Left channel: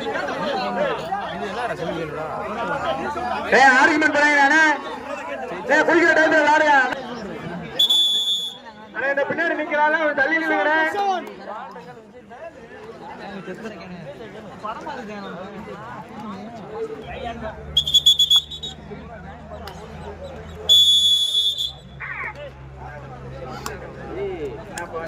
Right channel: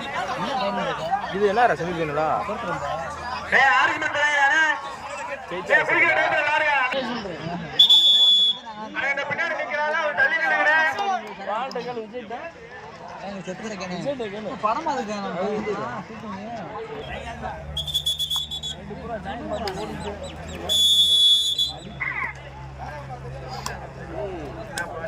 இது என்ன செமிக்கலா ஏ ஆர்குமெண்ட் பண்ணாங்க ஏ குளிக்கிற டைம்ல விளையாடுங்க அண்ணா இந்த பின்னாடி நிக்கறால ஒரு தள்ளி நில்லுங்கண்ணே. அரசு பேசுறா நீ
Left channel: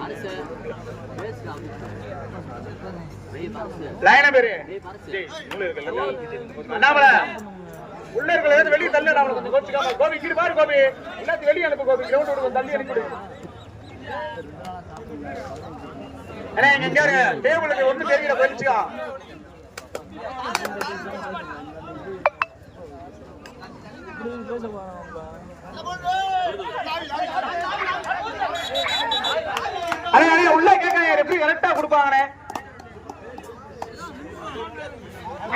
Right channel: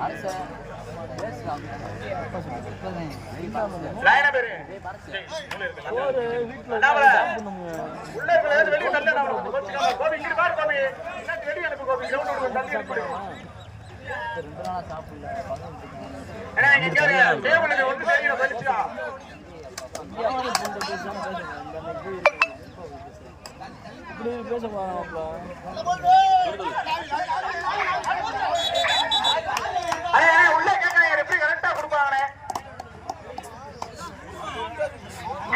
அரசு. லைனா பேரு. நீ வெளியே தள்ளி நான் கோபி இங்கிட்டு பாரு கோபி. எல்லாத்தையும் வெளியே அனுப்பு கோபி. கிரவுண்ட் விடுங்க தள்ளி அனுப்பி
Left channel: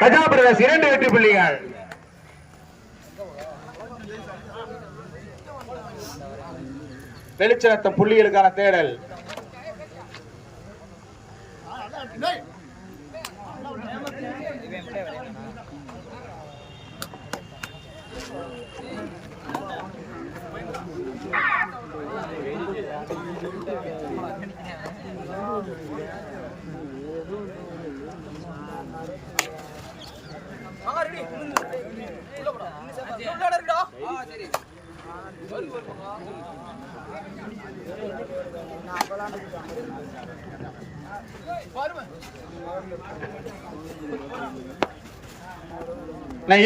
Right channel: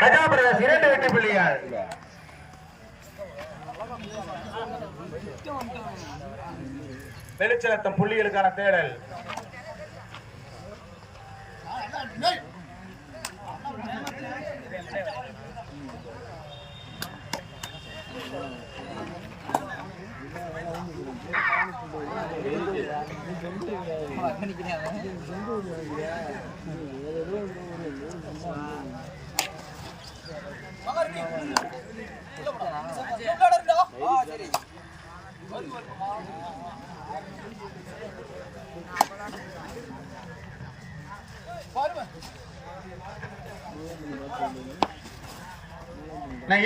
கஜாபிரகாஷ் இரண்டு வெற்றி புள்ளிகள். வெளிச்சரத்தம் புள்ளிகளுக்கான தேடல்.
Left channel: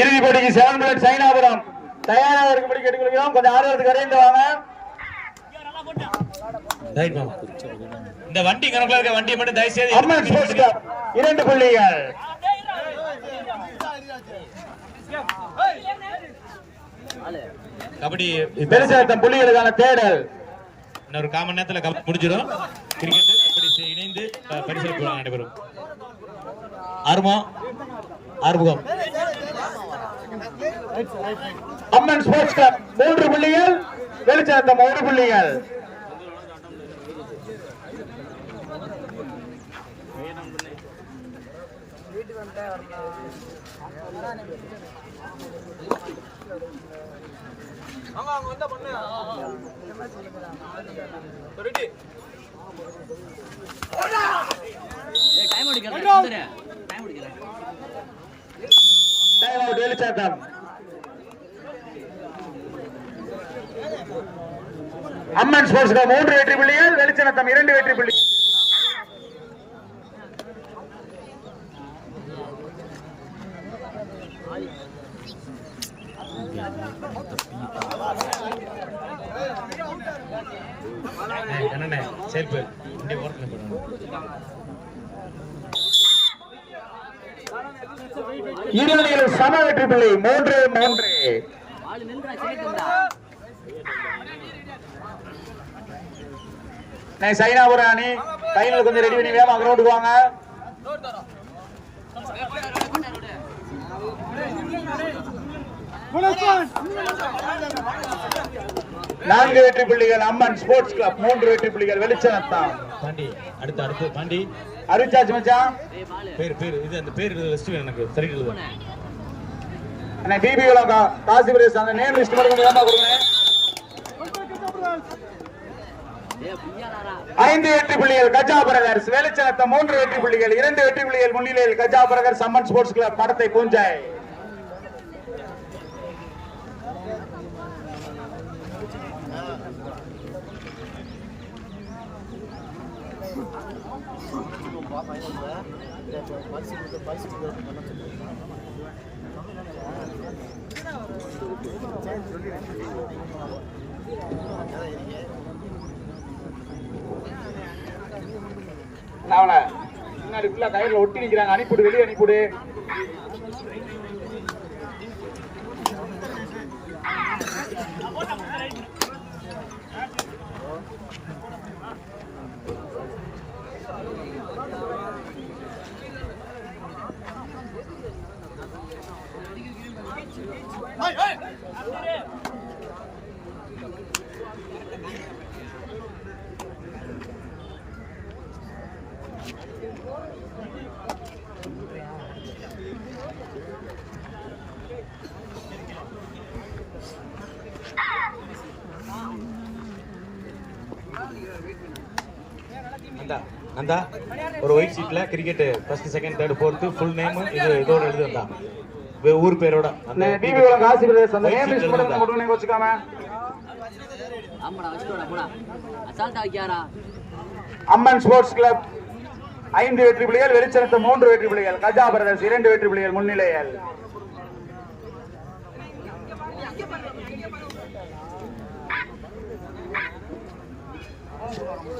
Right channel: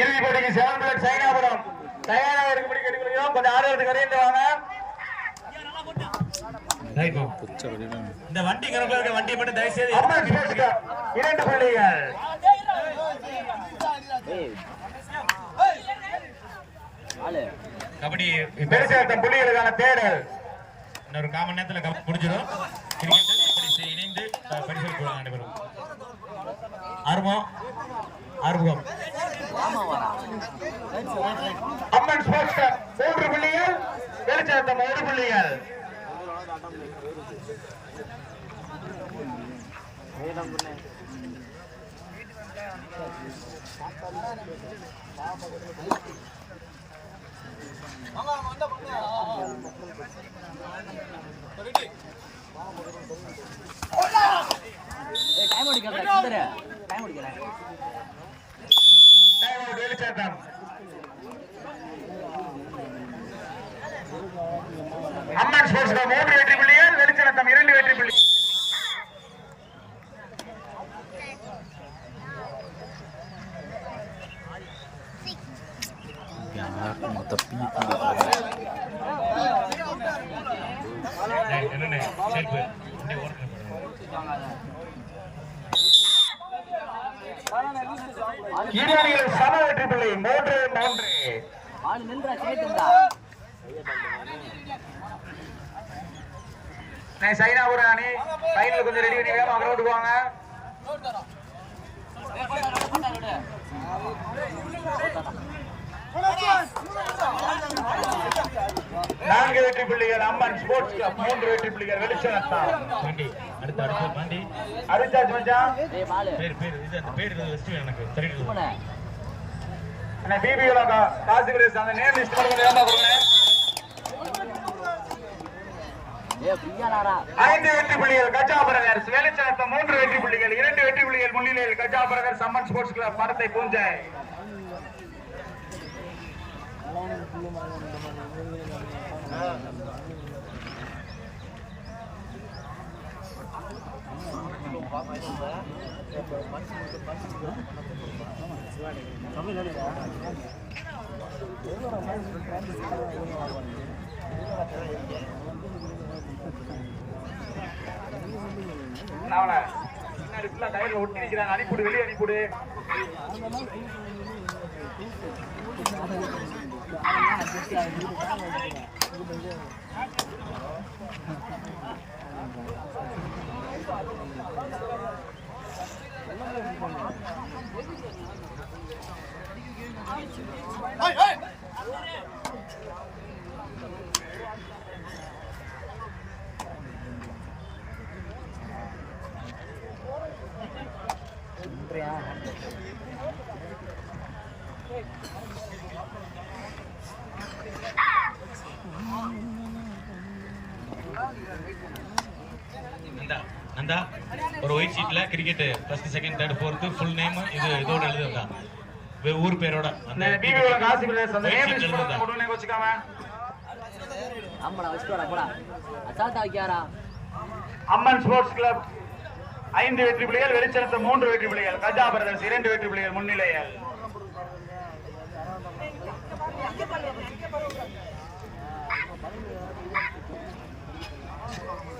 இறுதி போட்டிக்கு செவன் பிளட் சைனாபுரம். தயாராக இருக்கும்படி கேட்டுக்கொள்கிறோம். கொஞ்சம் ஆரோக்கியத்துக்கு கரைந்து வாங்க. இந்த வண்டி கணக்குல இருக்க வண்டியை மட்டும் தயவு செய்து அம்மன் ஸ்போர்ட்ஸ் கிளப் இரண்டு புள்ளிகள். கபடி வெளிச்சரத்தம் புள்ளிகளுக்கான தேடல். இன்னொரு காமன் நேரத்துல முடிஞ்சிடும். கிரிக்கெட் இணைந்து அஹ், நடைபெறும் ஆர்வம் ஆறுமுகம் அம்மன் ஸ்போர்ட்ஸ் கிளப் மூன்று புள்ளிகள் வெளிச்சரத்தம் ஒரு புள்ளிகள் ஏய் டைம் அடிக்கல சுந்தர டைம் அம்மன் ஸ்போர்ட்ஸ் மூன்று வெற்றி புள்ளிகள் வெளிச்சரத்தம் இரண்டு வெற்றி புள்ளி. இருவரில் சம வெற்றி புள்ளி மூன்று மூன்று. சைனாபுரம் அணி. ஃபைனல் கொஞ்சம் ரெடி பண்ணி வேகமா கிரவுண்டுக்கு வாங்க. நான்கு வெற்றி புள்ளிகள் அம்மன் ஸ்போர்ட்ஸ் கிளப் மூன்று வெற்றி புள்ளிகள் வெளிச்சம் பாண்டி அடுத்த அடுத்து பாண்டி. அருச்சாச்சு மச்சான். பேர் பேர் இது அந்த பேர் லிஸ்ட் வேணும் எனக்கு. சரி அண்ணா பிபி காசி பிரதேசம் அந்த நேம் லிஸ்ட் மட்டும் கொஞ்சம் வேகமா கொடுங்க. ஏய் பிரியானாரா ஐந்து வெற்றி புள்ளிகள் கஜா பிரதர்ஸ் வெளிச்சம் மூன்று வெற்றி புள்ளிகள் இரண்டு வெற்றி புள்ளிகள் முன்னிலையில் Gaja brothers Amman sports club படத்தை பூஞ்சாய் பின்னாடி ஃபுல்லாக கையில் ஒட்டி நிற்கிறாங்க அனுப்பிவிடு வெளியே அனுப்பிவிடு Down. நந்தா ஒரு white ஷீட்ல cricket first second third fourth full name இது இதோட எழுதி வந்தா வே- ஊர் பேரோட அந்த அந்த அம்மன் ஸ்போர்ட்ஸ் கிளப் ஐந்து வெற்றி புள்ளிகள் வெளிச்சலத்த மூன்று வெற்றி புள்ளிகள் கஜா பிரதர்ஸ் இரண்டு வெற்றி புள்ளிகள் முன்னிலையில். தெரியுதா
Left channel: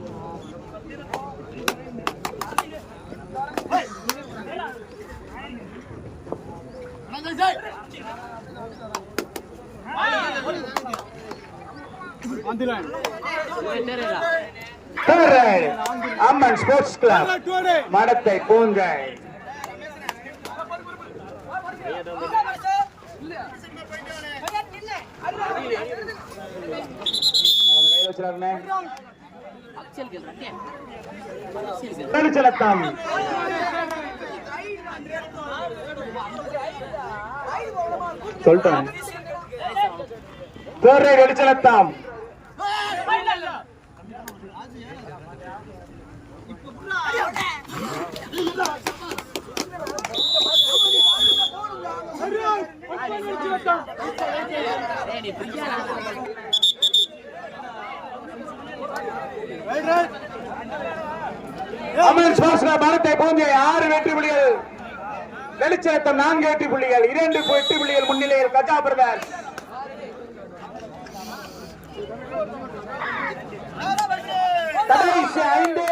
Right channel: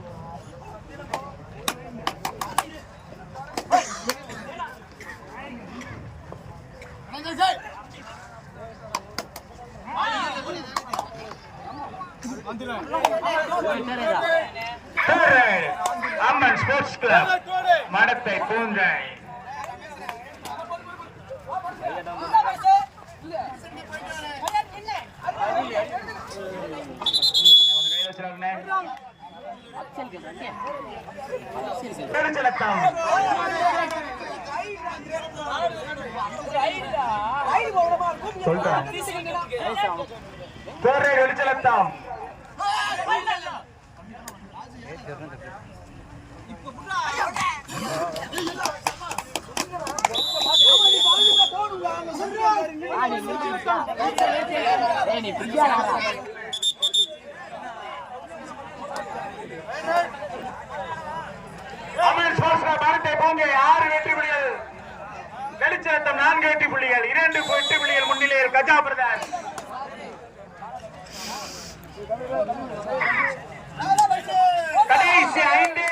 ஸ்போர்ட்ஸ் கிளப் மடத்தை பூங்கை. கையில் வச்சிடாருண்ணே. அக்ஷல் சொல்லிட்டேன் ரைட் வெளிச்சலத்தம் ஏய் நீ பிரியா நாரா அமீர் ஸ்போர்ட்ஸ் பாரத்தை பூங்கை ஆறு வெற்றி புள்ளிகள் வெளிச்சலத்தம் நான்கு வெற்றி புள்ளிகள் இரண்டு வெற்றி புள்ளிகள் முன்னிலையில் கஜா பிரதர்ஸ் கடைசி ஐந்து.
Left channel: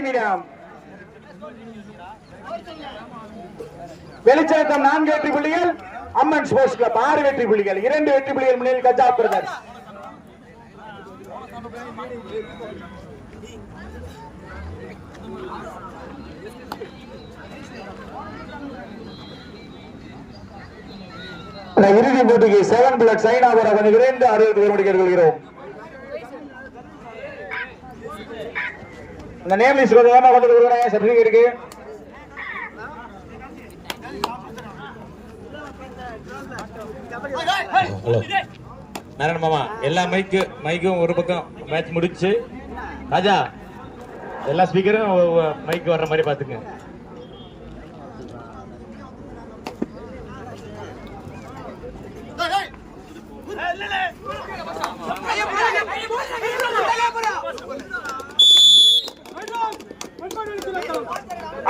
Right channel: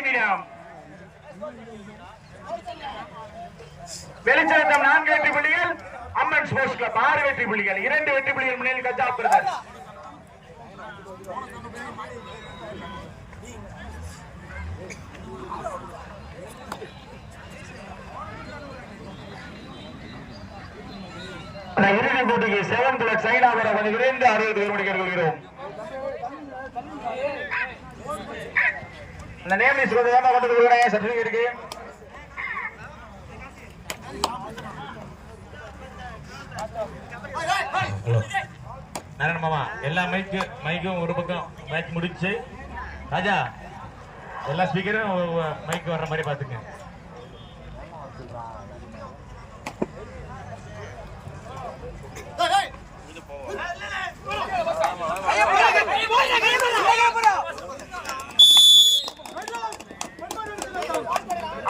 நிமிடம் வெளிச்சாட்டம் நான்கு வெற்றி புள்ளிகள் அம்மன் ஸ்போர்ட்ஸ் கிளப் ஆறு வெற்றி புள்ளிகள் இரண்டு வெற்றி புள்ளிகள் முன்னிலையில் கஜா பிரதர்ஸ் இறுதிப் போட்டிக்கு செவன் பிளட் சைனாபுரம் அணி விரைந்து அறிவித்து வரும்படி இந்த நேம் லிஸ்ட் கொஞ்சம் வேகமா கொண்டு கொடுக்குறேன் சர்டிபிகேட்டுக்கு நாராயண மாமா எல்லா மைக்கு மைக்கும் ஒரு பக்கம் மேட்ச் முடிச்சு. ராஜா எல்லா ஸ்பீக்கரும் மைக்கு வர்ற மாதிரி பாத்துங்க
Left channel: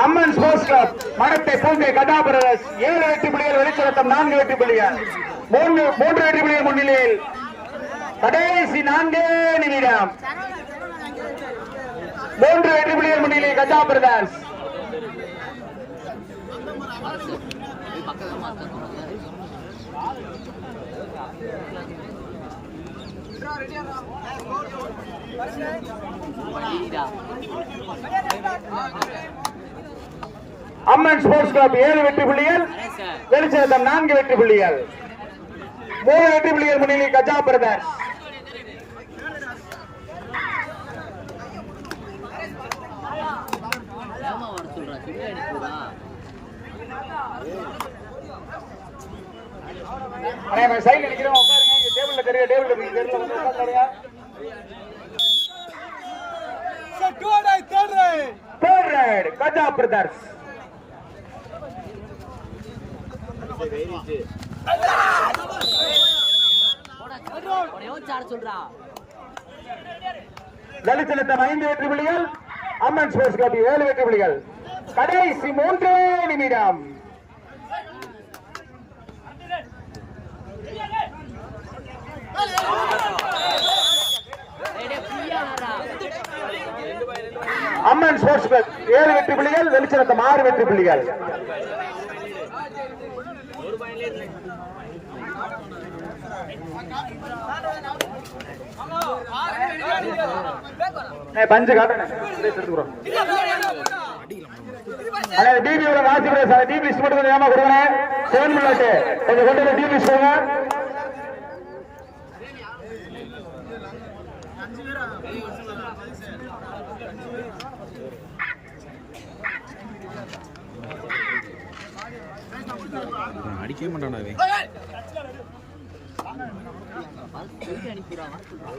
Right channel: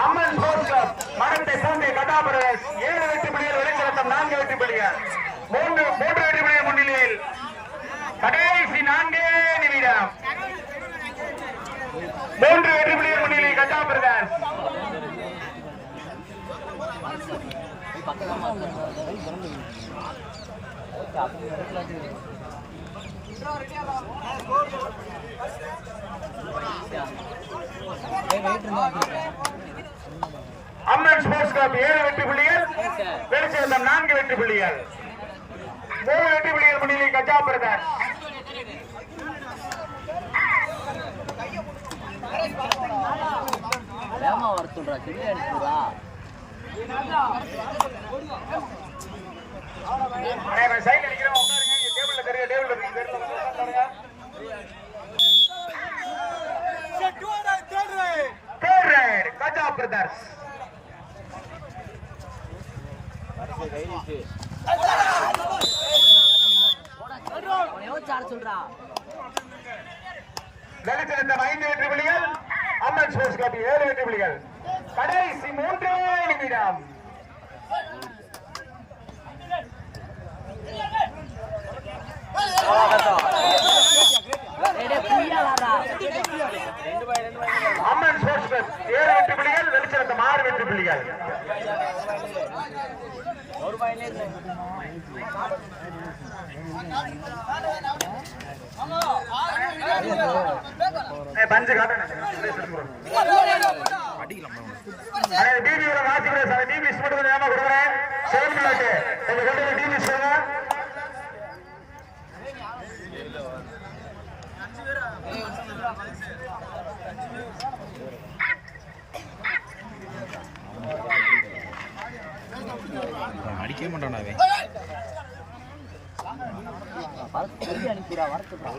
அம்மன் ஸ்போர்ட்ஸ் கிளப் மரத்தை பூங்கை கதா பிரதர்ஸ் ஏழு வெற்றி புள்ளிகள் வெளிச்சலத்தம் நான்கு வெற்றி புள்ளிகள். மூன்று மூன்று வெற்றி புள்ளிகள் முன்னிலையில். கடைசி நான்கே நிமிடம். மூன்று வெற்றி புள்ளிகள் முன்னிலை கஜா பிரதர்ஸ் அரசு போய் பக்கம் அம்மன் ஸ்போர்ட்ஸ் கிளப் ஏழு வெற்றி புள்ளிகள் சார் வெளிச்சேர்ந்தம் நான்கு வெற்றி புள்ளிகள். மூணு வெற்றி புள்ளிகள் முன்னிலை கஜா பிரதர்ஸ் ஏமா வர சொல்றா? செடி அனுப்புறா சைடு அடிக்கிறோம் உட்காருங்க. டேபிள்ல தெரிய டேபிள்ல தெரிய தெரியல பிரதர்ஸ். ஐந்து வெற்றி புள்ளிகள் அம்மன் ஸ்போர்ட்ஸ் கிளப் ஏழு வெற்றி புள்ளிகள். கடைசி மூன்றே நிமிடம். டேய் அம்மன் ஸ்போர்ட்ஸ் கிளப் ஏழு வெற்றி புள்ளிகள் வெளிச்சரத்தம் ஆறு வெற்றி புள்ளிகள். பஞ்சு காட்டணும் டிபியோட சார் டிபி மட்டும் கொஞ்சம் ஏமா கொடுங்க சிவன் கொஞ்சம் கொண்டு டிபி சொல்லுங்க. வரத்துடா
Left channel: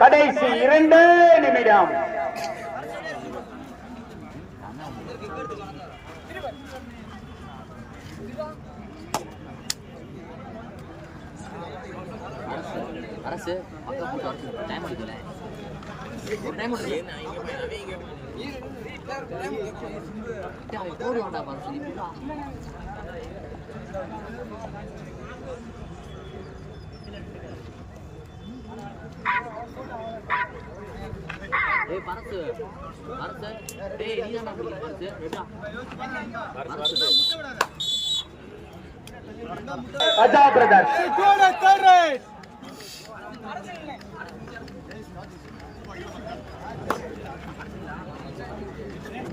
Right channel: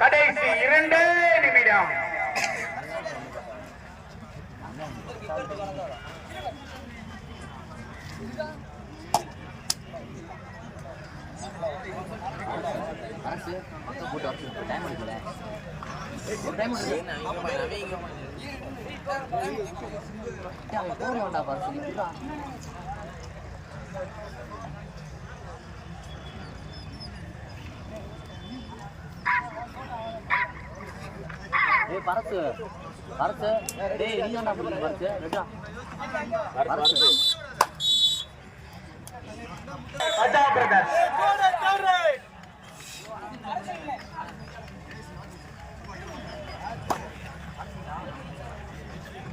கடைசி இரண்டு நிமிடம். அரசு பக்கம் போட்டு அரசு டைம் எடுக்கல. ஒரு டைம் எடுக்கல போடு வேண்டாம் அரசு இப்படா ஏய் பரசு. பரசு. டேய் நீ ஏன்டா பிடிக்கிற பரசு? ரெட்டா. பரசு. அஜா பிரதர்ஸ்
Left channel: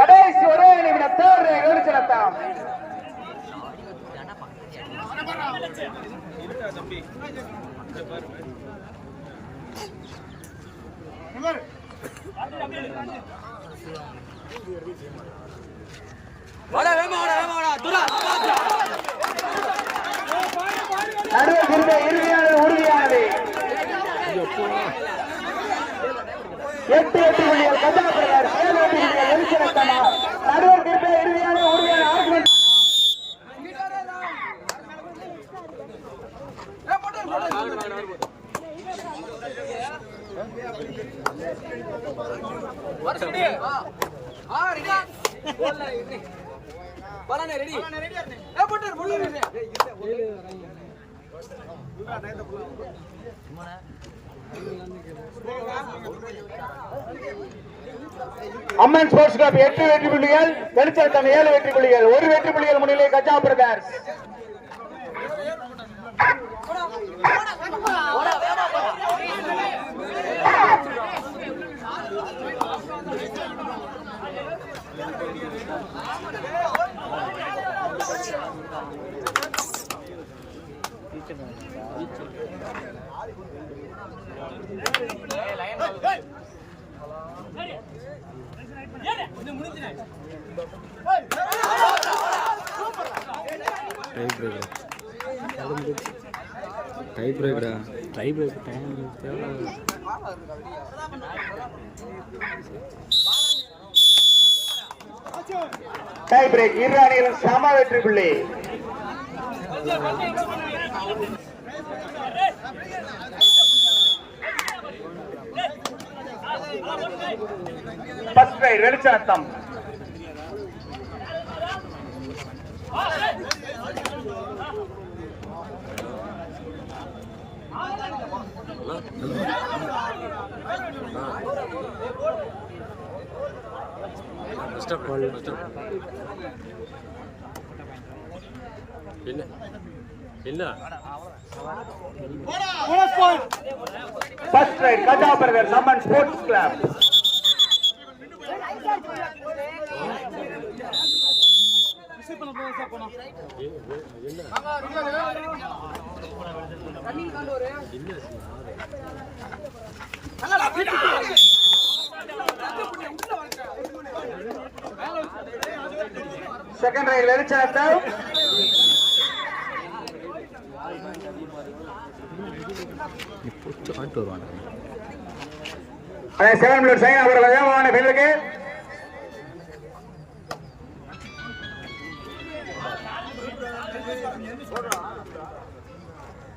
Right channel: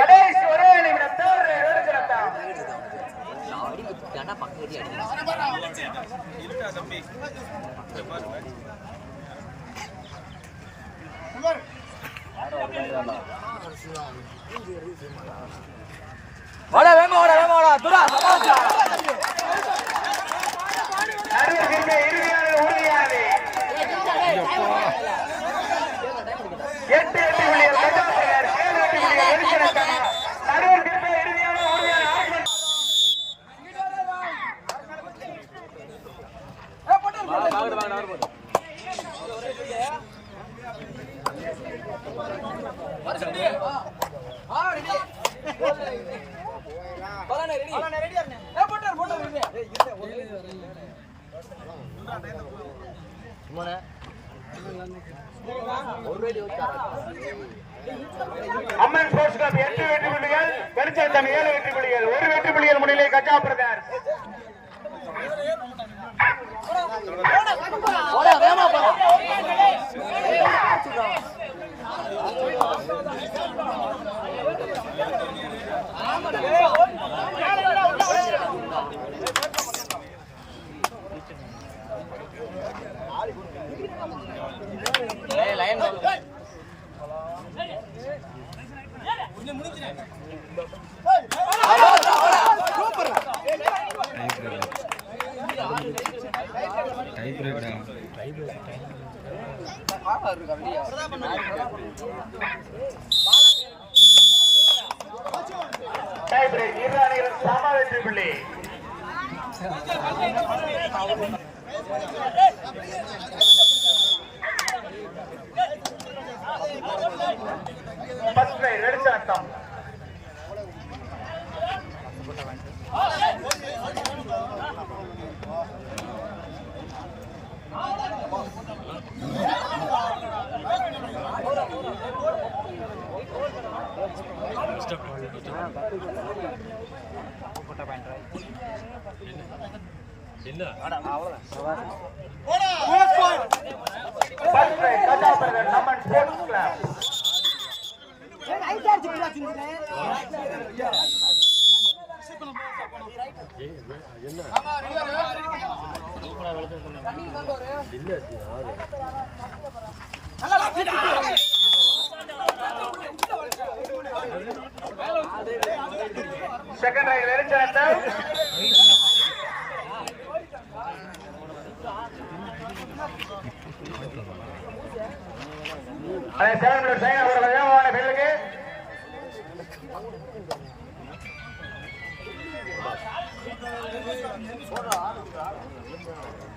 கடைசி ஒரே நிமிடம் தேர்வு வெளிச்சரத்தம் வாடா வேமா வாடா வேமா வாடா. துரா நடுவர் திரும்ப இறுதியான உறுதியானது. எட்டு எட்டு புள்ளிகள் அஜா பிரதர்ஸ் ஏழு எட்டு புள்ளிகள் வெளிச்சரத்தம் நடுவர் திரும்ப இறுதியான உறுதியான ஆர்குமெண்ட் அம்மன் ஸ்போர்ட்ஸ் கிளப் எட்டு வெற்றி புள்ளிகள் வெளிச்சரத்தம் ஏழு வெற்றி புள்ளிகள் ஒரு வெற்றி புள்ளிகள் முன்னிலை கஜா பிரதர்ஸ். டை பிரேக்டா டை பிரேக்டா டை டை பிரேக் இரு அணிகளும் சம வெற்றி புள்ளி ஃபர்ஸ்ட் ரைட் என்ன? ஃபர்ஸ்ட் ரைட் கஜா சம்மன் ஸ்போர்ட்ஸ் கிளப் செகண்ட் ரைட் வெளிச்சாட்ட செவன் மினிட் சைன் அவர் வேகமான பெண்களுக்கு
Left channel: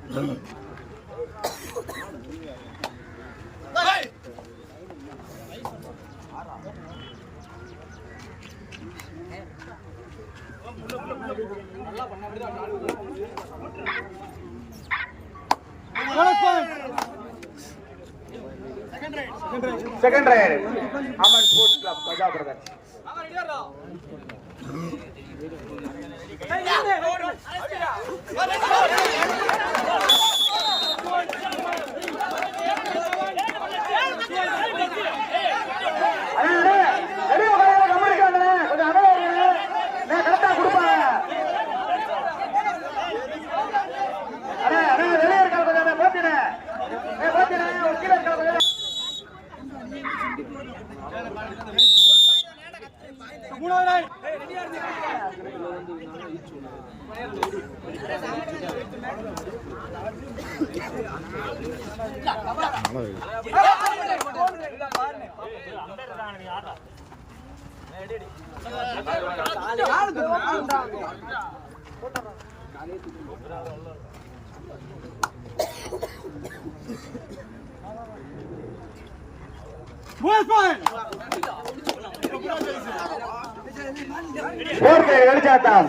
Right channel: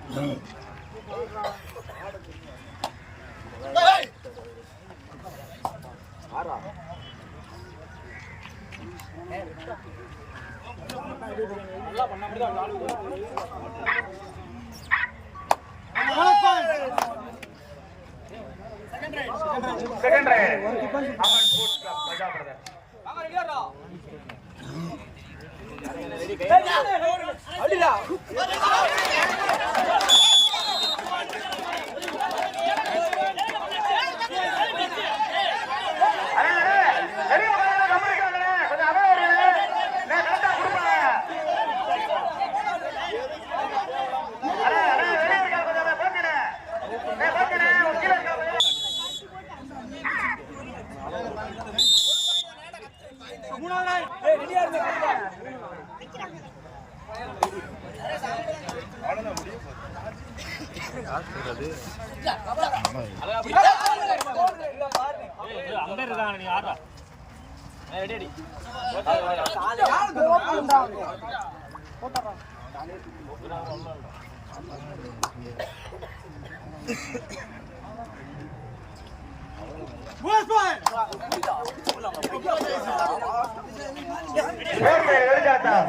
Mm-hmm. Second right Aman sports club பஜா brothers நல்லா வெளிச்சாட்டம்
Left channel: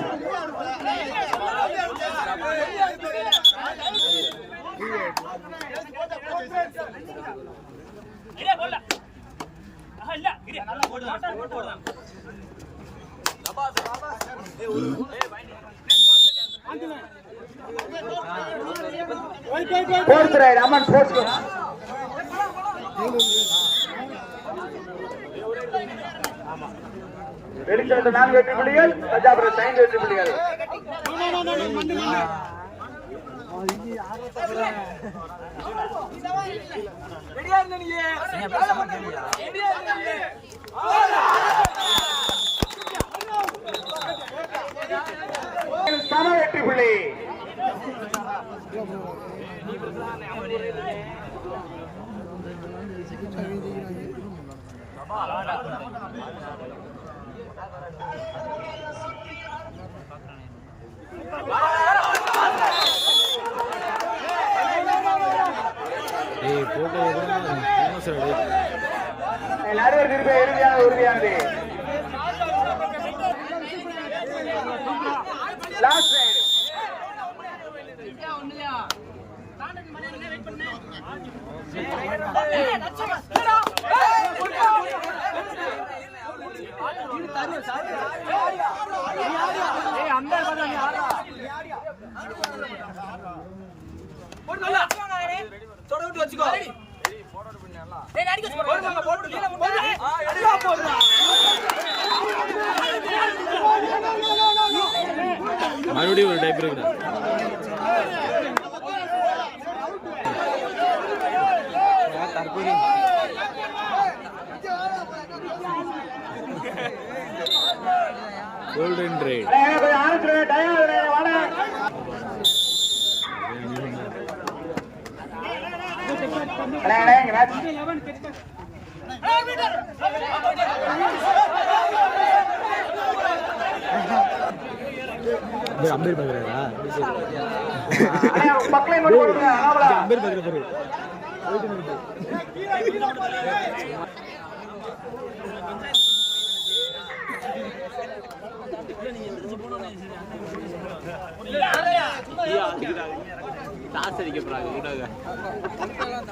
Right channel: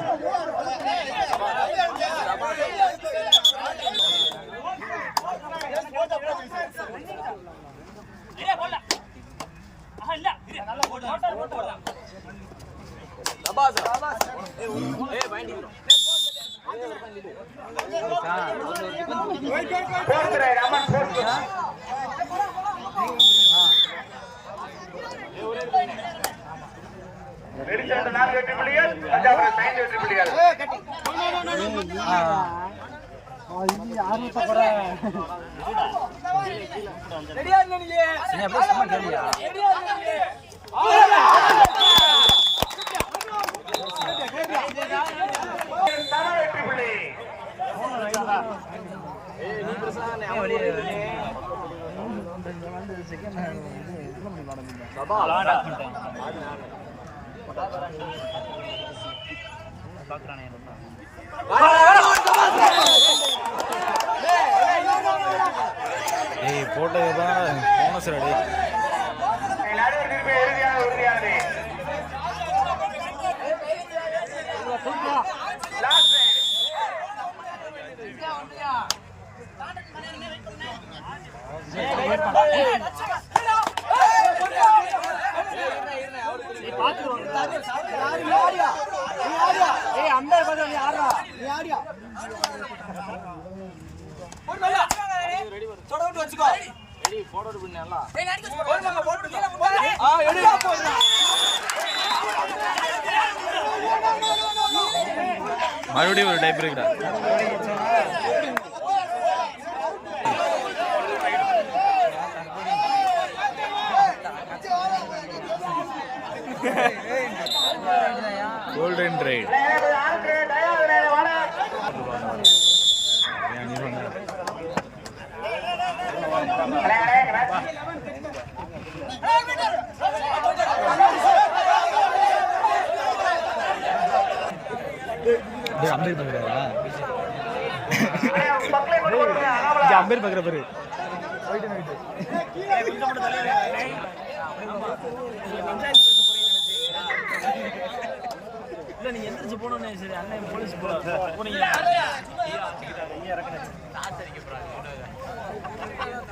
ஃபோர்த் ரைடு அமன் ஃபோர்த் வெளிச்சாட்டு நான்கு வெற்றி புள்ளிகள் ரஜாபுரம் ஐந்து வெற்றி புள்ளிகள் சம வெற்றி புள்ளி ஏய் போட்டதுப்பா போனஸ் ரெடி நடுவர் திருப்பி இறுதியான உறுதியானது லாஸ்ட் ரைடு மறுபடியும் ஒரு டைப் இருக்குடா கோல்டன் ரைட் ஆன்சர் டயர் வாங்க அண்ணே, அண்ணே, இங்க மேட்ச். அம்பேர் பாக்குறாரா அண்ணே, மக்களை மட்டும் சொல்லுங்க. இங்க அம்பேர் பாக்குற பாரு